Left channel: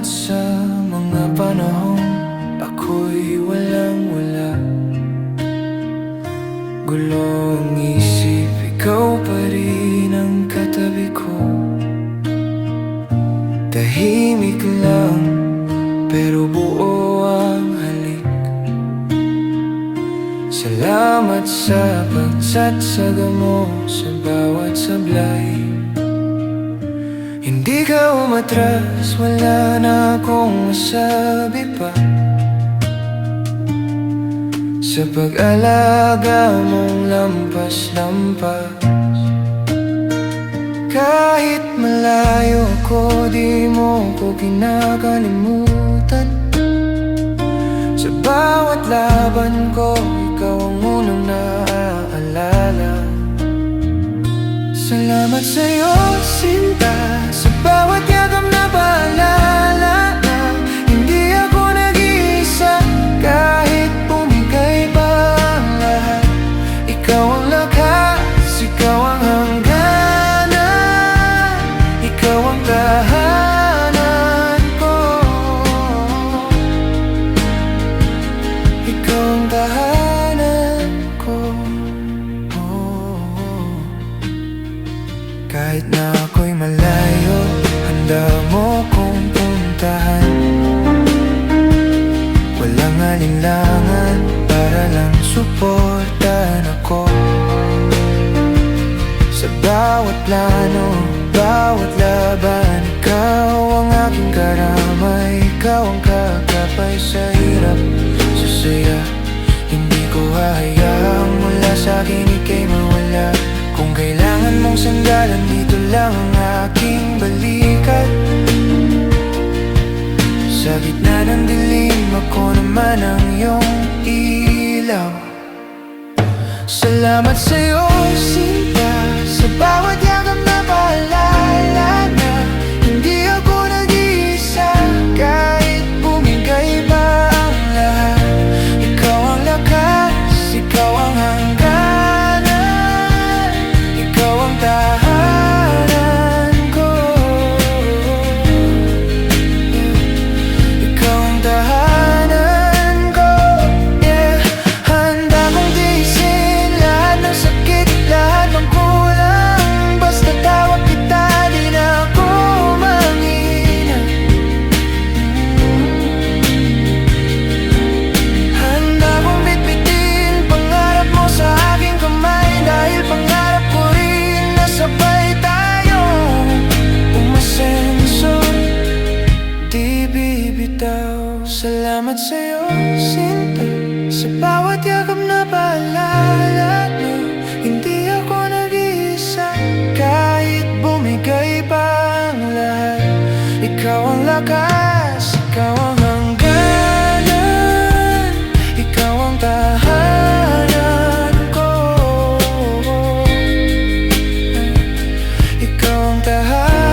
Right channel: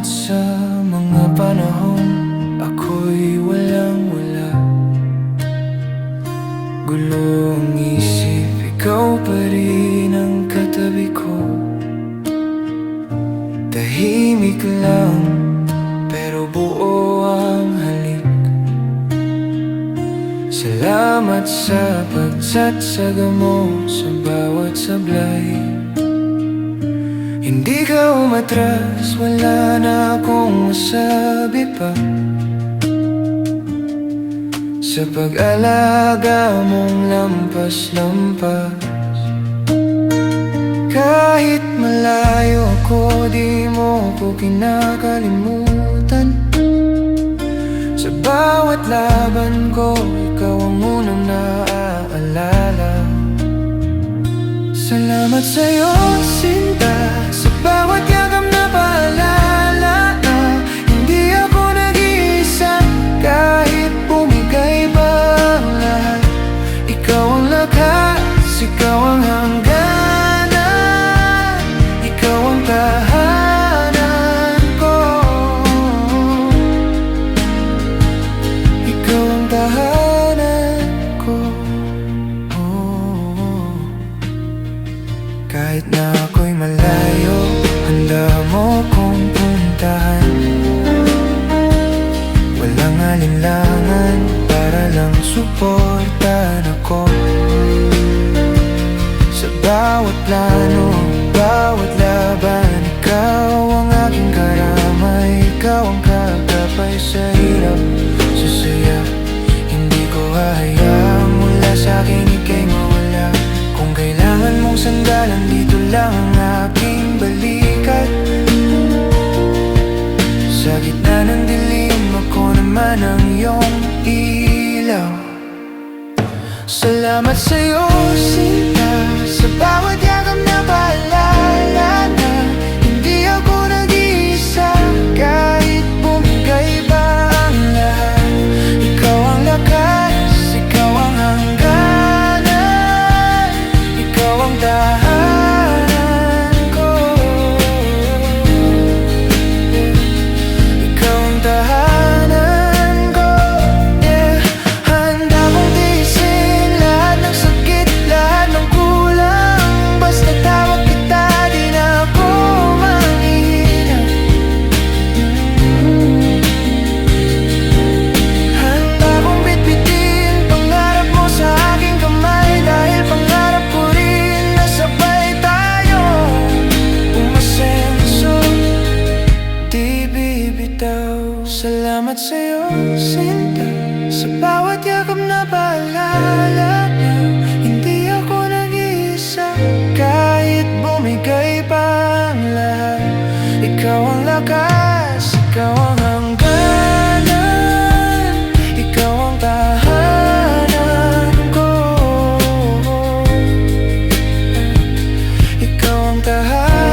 Salamat sa mga panahong ako'y walang-wala. Gulo ang isip, ikaw pa rin ang katabi ko. Tahimik lang, pero buo ang halik. Salamat sa pagtsatsaga mo sa bawat sablay. Hindi ka umatras, wala na akong masabi pa. Sa pag-alaga mong lampas-lampas. Kahit malayo ko, di mo ko kinakalimutan. Sa bawat laban ko, ikaw ang unang naaalala. Salamat sa'yo, sinta, sa bawat yagam na paalala na hindi ako nag-iisa. Kahit bumigay pa ang lahat, ikaw ang lakas, ikaw ang hangganan, ikaw ang tahanan ko. Ikaw ang tahanan ko. Kahit na ako'y malayo, handa mo kong puntahan. Walang alinlangan, para lang suportahan ako. Sa bawat plano, bawat laban, ikaw ang aking karamay. Ikaw ang kagabay sa hirap, sa saya. Hindi ko hahayaang mula sa'kin ika'y mawala. Kung kailangan mong sandalan, dito lang ang aking balikat. Sa gitna ng dilim, ako naman ang iyong ilaw. Salamat sa'yo, sinta, sa bawat yagam na paalala na hindi ako nag-iisa. Kahit bumigay pa ang lahat, ikaw ang lakas, ikaw ang hangganan, ikaw ang tahanan ko. Yeah. Ikaw ang tahanan ko. Yeah. Handa kong tiisin lahat ng sakit, lahat ng kulang. Basta tawag kita, di na ako manghihina. Handa kong bitbitin pangarap mo sa aking kamay. Dahil pangarap ko rin na sabay tayong umasenso, di bibitaw. Salamat sa'yo, sinta, sa bawat yakap na paalala na hindi ako nag-iisa. Kahit bumigay pa ang lahat, ikaw ang lakas, ikaw ang hangganan, ikaw ang tahanan ko. Ikaw ang tahanan.